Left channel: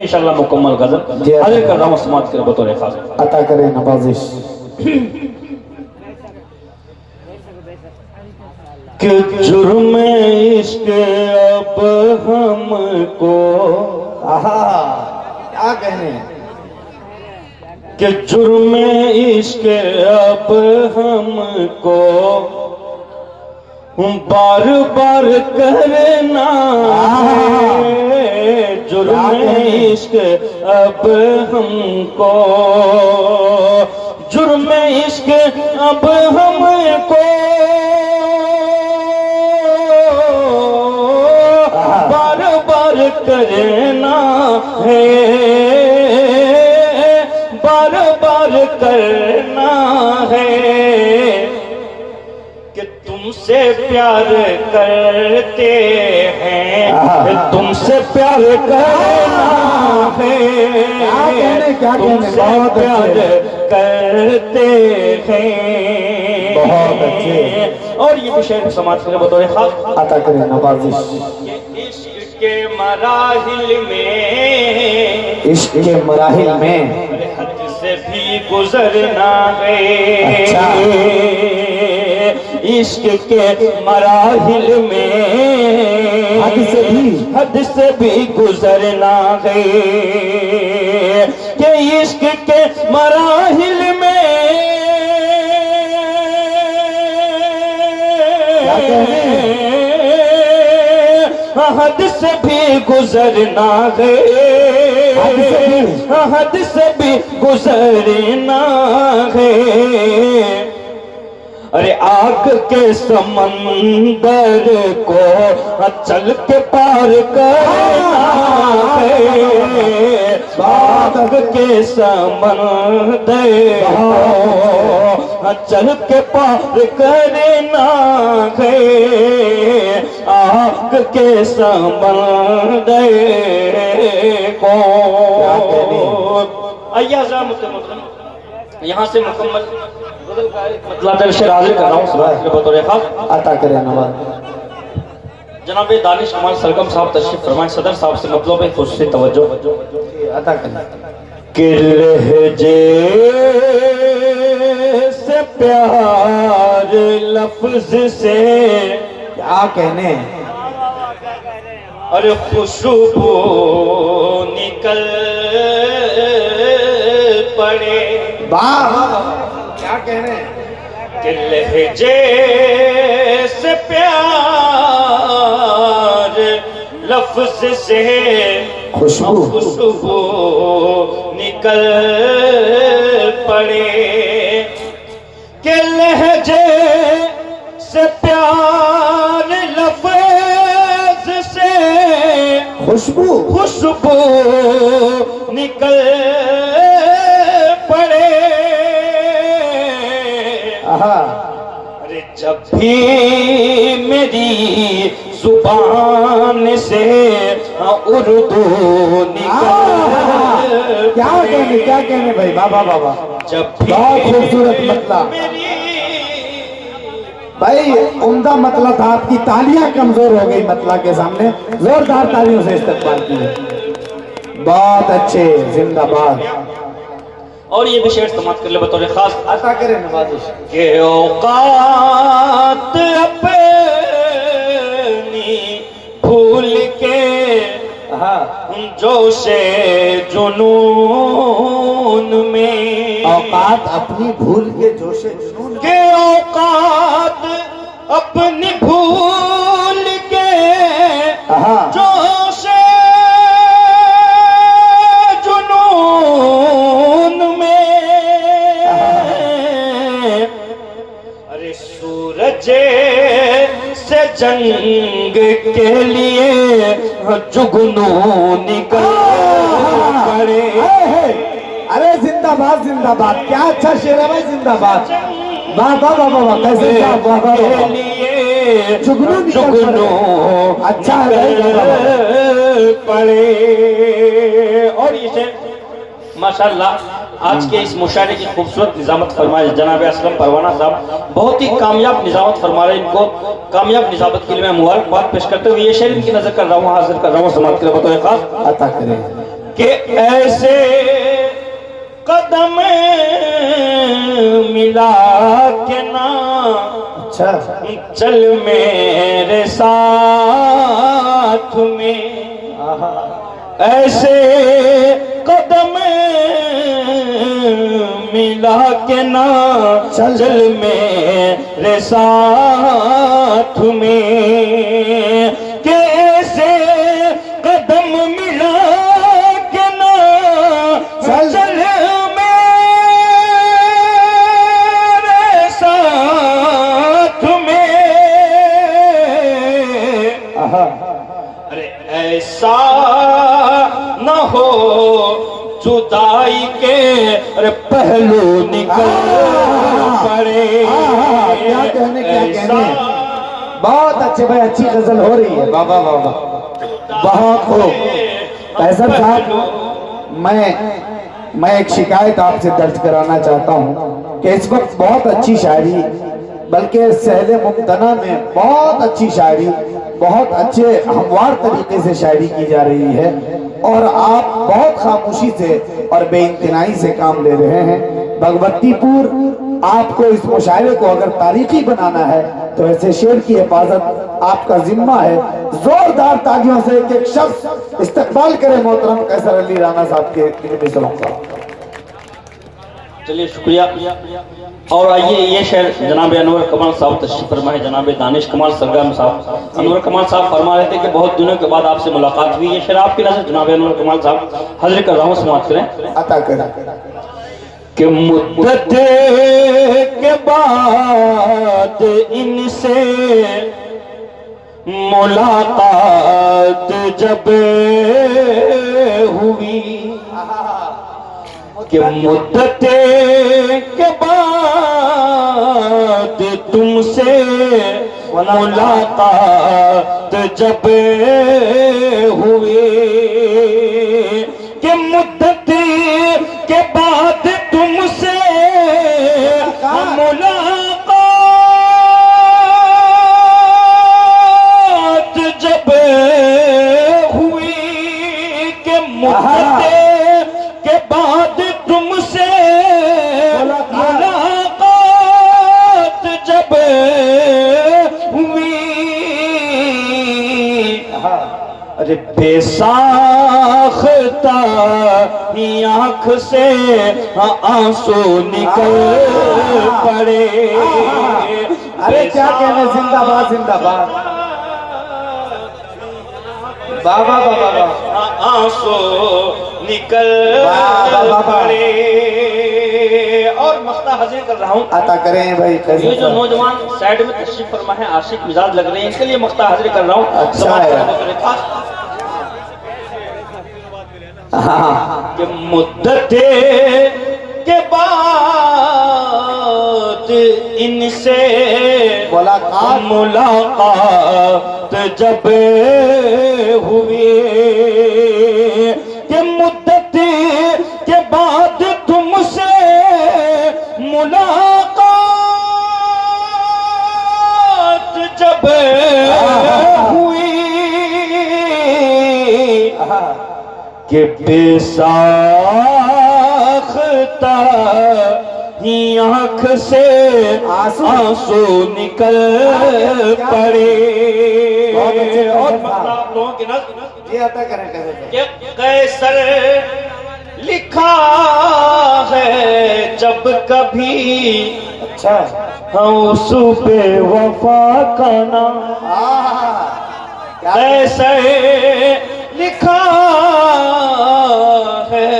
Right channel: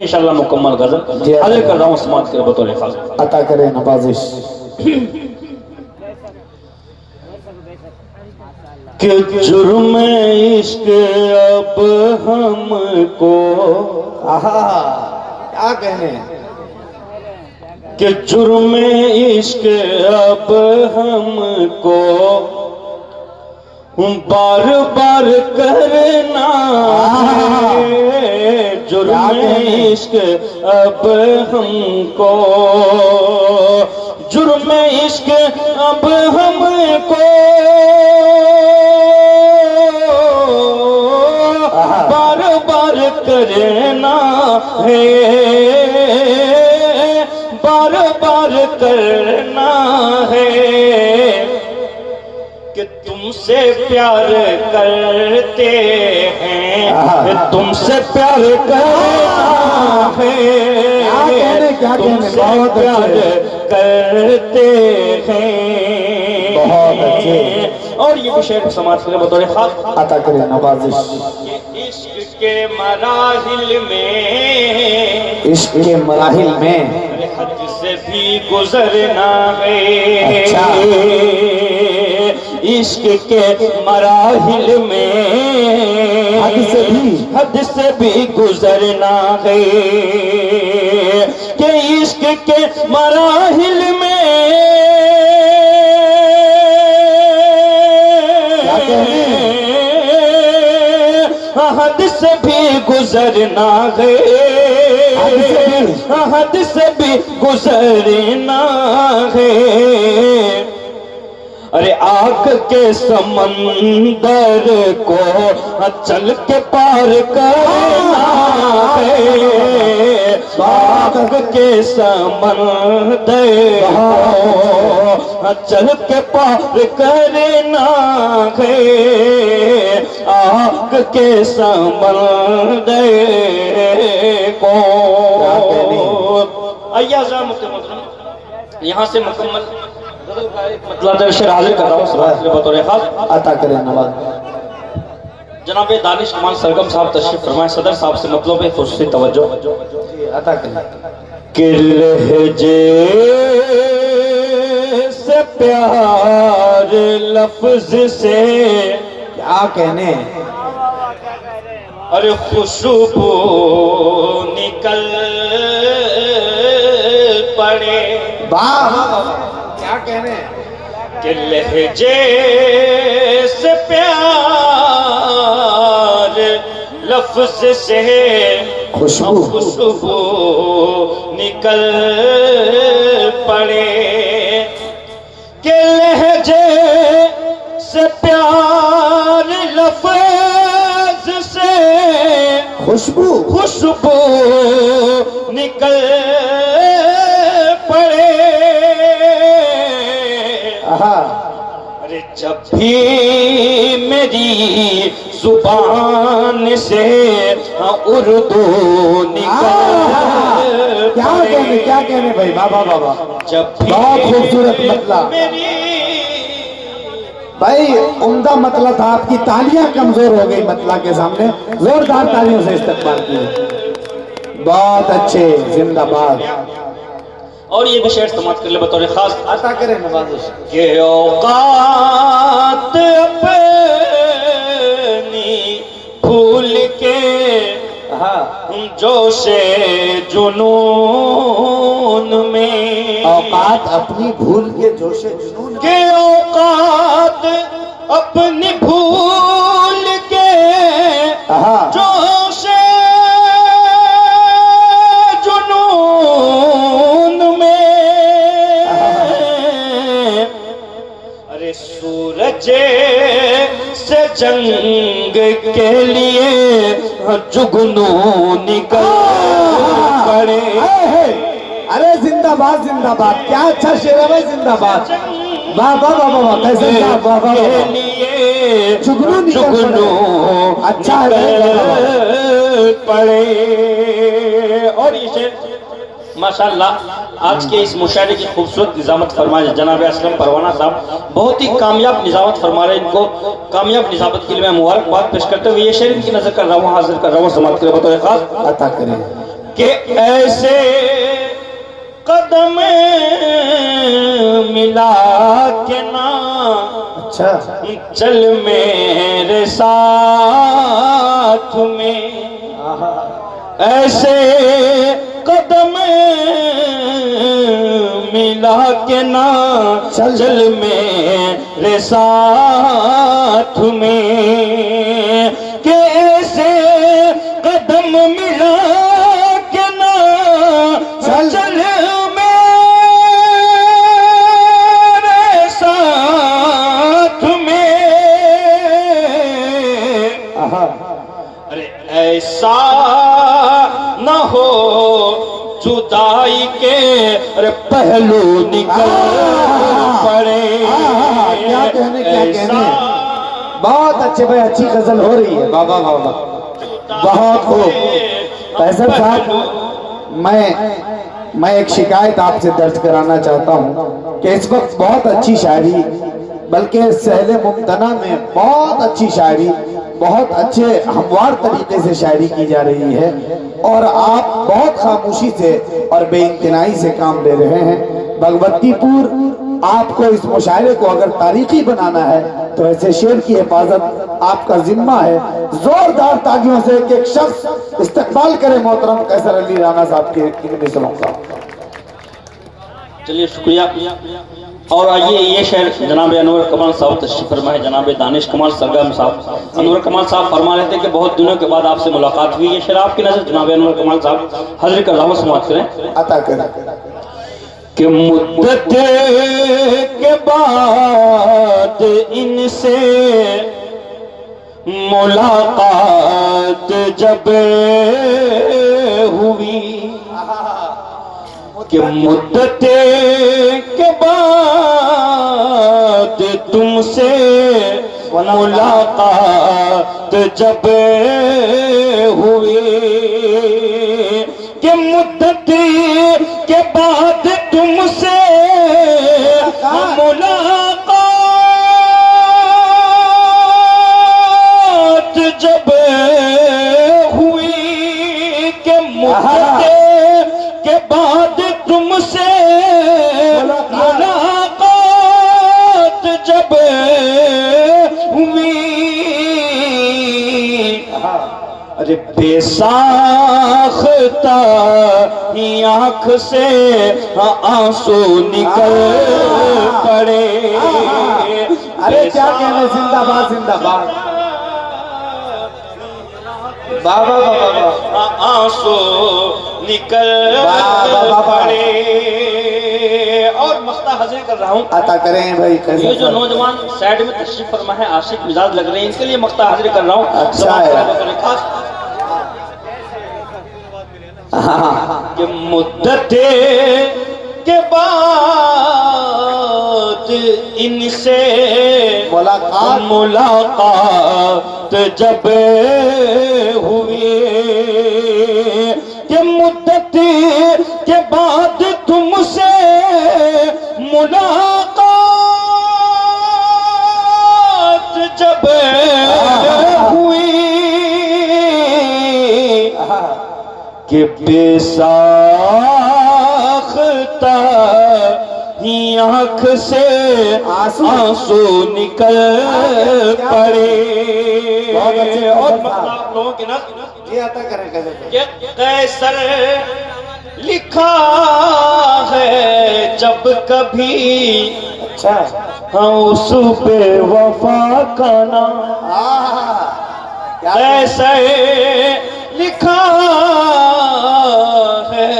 इंशाअल्लाह मुकम्मल गजल हाजिर कर रहा हूँ समाप्त कर बतौर खास अता करे नवाजिश कि जुर्म इश्क अब हमको क्या कहने कि जुर्म इश्क अब हमको बार बार करना है। जुर्म इश्क अब हमको जुर्म इश्क अब हमको बार बार करना है, बार बार करना है कि तुमसे प्यार करते हैं, तुमसे प्यार करना है, तुमसे प्यार करते हैं। और ये विषय समाज के बतौर खास अता करे नवाजिश इश्क के मराहिल में, इश्क के मराहिल में हद से भी गुजरना है। इश्क के मराहिल में हद से भी गुजरना है कि इश्क के मराहिल में हद से भी गुजरना है, हद से भी गुजरना है। अरे आग के समंदर को चल के पार करना है, आग के समंदर को चल के पार करना है, आग के समंदर को। अय्याज़ा मुकम्मल यहाँ से मुकम्मल हाजिर कर रहा हूँ बतौर खास अता करे नवाज जनाब दानिश कमाल सरगम साहब तशरीफ फरमाए। सदर साहब से मतलब है खुशी तवज्जो अता करे कि लहजे से प्यार लफ्ज से क्या कहने अरे खुशबू निकल पड़े। वाह क्या कहने कि लहजे से प्यार लफ्ज से खुशबू निकल पड़े, कि लहजे से प्यार लफ्ज से खुशबू निकल पड़े। अरे जब भी मेरी जुबान से उर्दू निकल क्या कहने भाई बाबा बाबा जब भी बहुत खूबसूरत मतलब भाई उम्दा मतलब था। आपकी तालियां कमजोर हो गई मतलब के सामने, जोरदार तालियों से इस्तेमाल किए। बहुत अच्छे जिंदाबाद। और ये विशेष समाप्त कर ले बतौर खास अता करें नवाजिश के औकात अपनी भूल के जोशे जुनून में, औकात अपनी भूल के जोशे जुनून के औकात अपनी भूल के जोशे जुनून में। अरे सूरज से जंग के लिए जुगनू निकल पड़े। अरे जिंदाबाद जिंदाबाद, क्या अच्छा शेर है भाई, जिंदाबाद। वाह वाह वाह वाह, कैसे जुगनू अच्छा पड़े। और ये माशाल्लाह आज के इस मुशायरे की खूबसूरत निजामत फरमाए जनाब असलम परवाना साहब, बहुत ही कामयाब निजामत फरमा रहे। इनको कामयाब निजामत के लिए मैं मुबारकबाद पेश करते हुए ये शेर इनकी नजर कर रहा हूँ, हाजिर कर रहा हूँ, समाप्त कर बताए खास अता करें। कि ऐसे कदम मिला के ना अच्छा चल मेरे साथ में, ऐसे कदम मिला के ना चल मेरे साथ में, कि ऐसे कदम मिला के ना चल मेरे साथ में। अरे ऐसा न हो जुदाई के अरे पहलू निकल पड़े। क्या कहने क्या कहने, बहुत अच्छे भाई, अच्छी गजल हो रही है, बाबा बाबा बहुत हो। फैसल साहब, मैं एक शिकायत आपसे दर्ज कराना चाहता हूँ कि इस वक्त बहुत अच्छी शायरी, बल्कि सहले मुमतना में बहुत अच्छी शायरी, बहुत अच्छे हमवार तरीके से शायरी की जा रही है, और आप बहुत खामोशी से और बेइंतनाई से काम ले रहे हैं। भगवतीपुर आपको इस मुशायरे को अगर तारीखी बनाना है तो ऐसे शेर की हिफाजत आपका जिम्मा है। जोरदार तालियों से एक एक शख्स इस्तकबाल करे मोहतरम कैसर अली राणा साहब के मिसरों का। चलिए शुक्रिया। और आइए ये शेर जनाब अनवर कमाल साहब तशरीफ फरमाए। जनाब दानिश कमाल सरगम साहब, अनवर कमाल साहब फरमा रहे थे कि बहुत दिनों के बाद आपसे मुलाकात हुई। ये शेर आपकी नजर जनाब अनवर कमाल साहब हाजिर कर रहा हूँ, समाप्त करें। अता करें कि मुद्दत के बाद इनसे मुलाकात जब हुई, कि मुद्दत के बाद तुमसे मुलाकात जब हुई, कि मुद्दत के बाद तुमसे मुलाकात जब हुई, कि मुद्दत के बाद तुमसे मुलाकात जब हुई, अरे बेसाख्ता आंख से आंसू निकल पड़े। अरे क्या कहने, जिंदाबाद जिंदाबाद, बाबा बाबा, आंसू निकल पड़े। और मख्ता हाजिर कर रहा हूँ, अता करें भाई। ये जो नौजवान साइड में तशरीफ फरमा है, आशिक मिजाज लग रहे हैं, इनके लिए मख्ता हाजिर कर रहा हूँ। अच्छा है। कि मुद्दत के बाद इनसे मुलाकात जब हुई, कि मुद्दत के बाद तुमसे मुलाकात जब हुई, कि बेसाख्ता आंख से आंसू निकल पड़े। और आप लोगों की नज़र कैसर लिखा है जब कभी, अच्छा उस पे वफा का नाम, कैसर लिखा है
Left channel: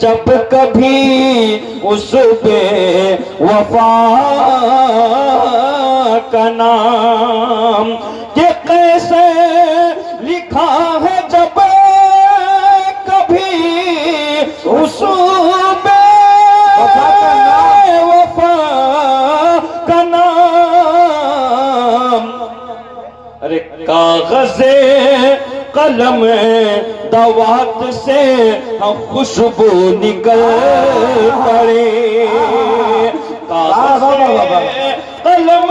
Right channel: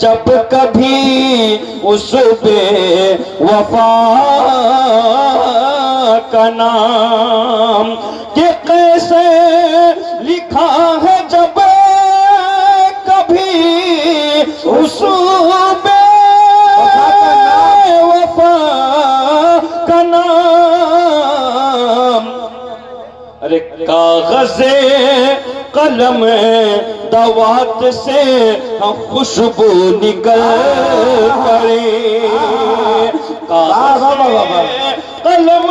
जब कभी उस पे वफा का नाम, कि कैसे लिखा है जब कभी उस पे वफा का नाम। अरे कागज़े कलम दवात से खुशबू निकल पड़े, कलम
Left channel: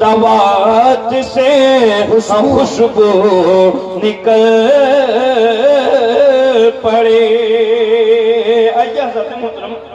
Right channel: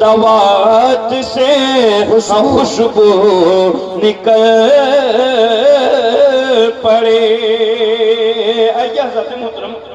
दवात से खुशबू निकल पड़े। अय्या हज़रत मोहतरम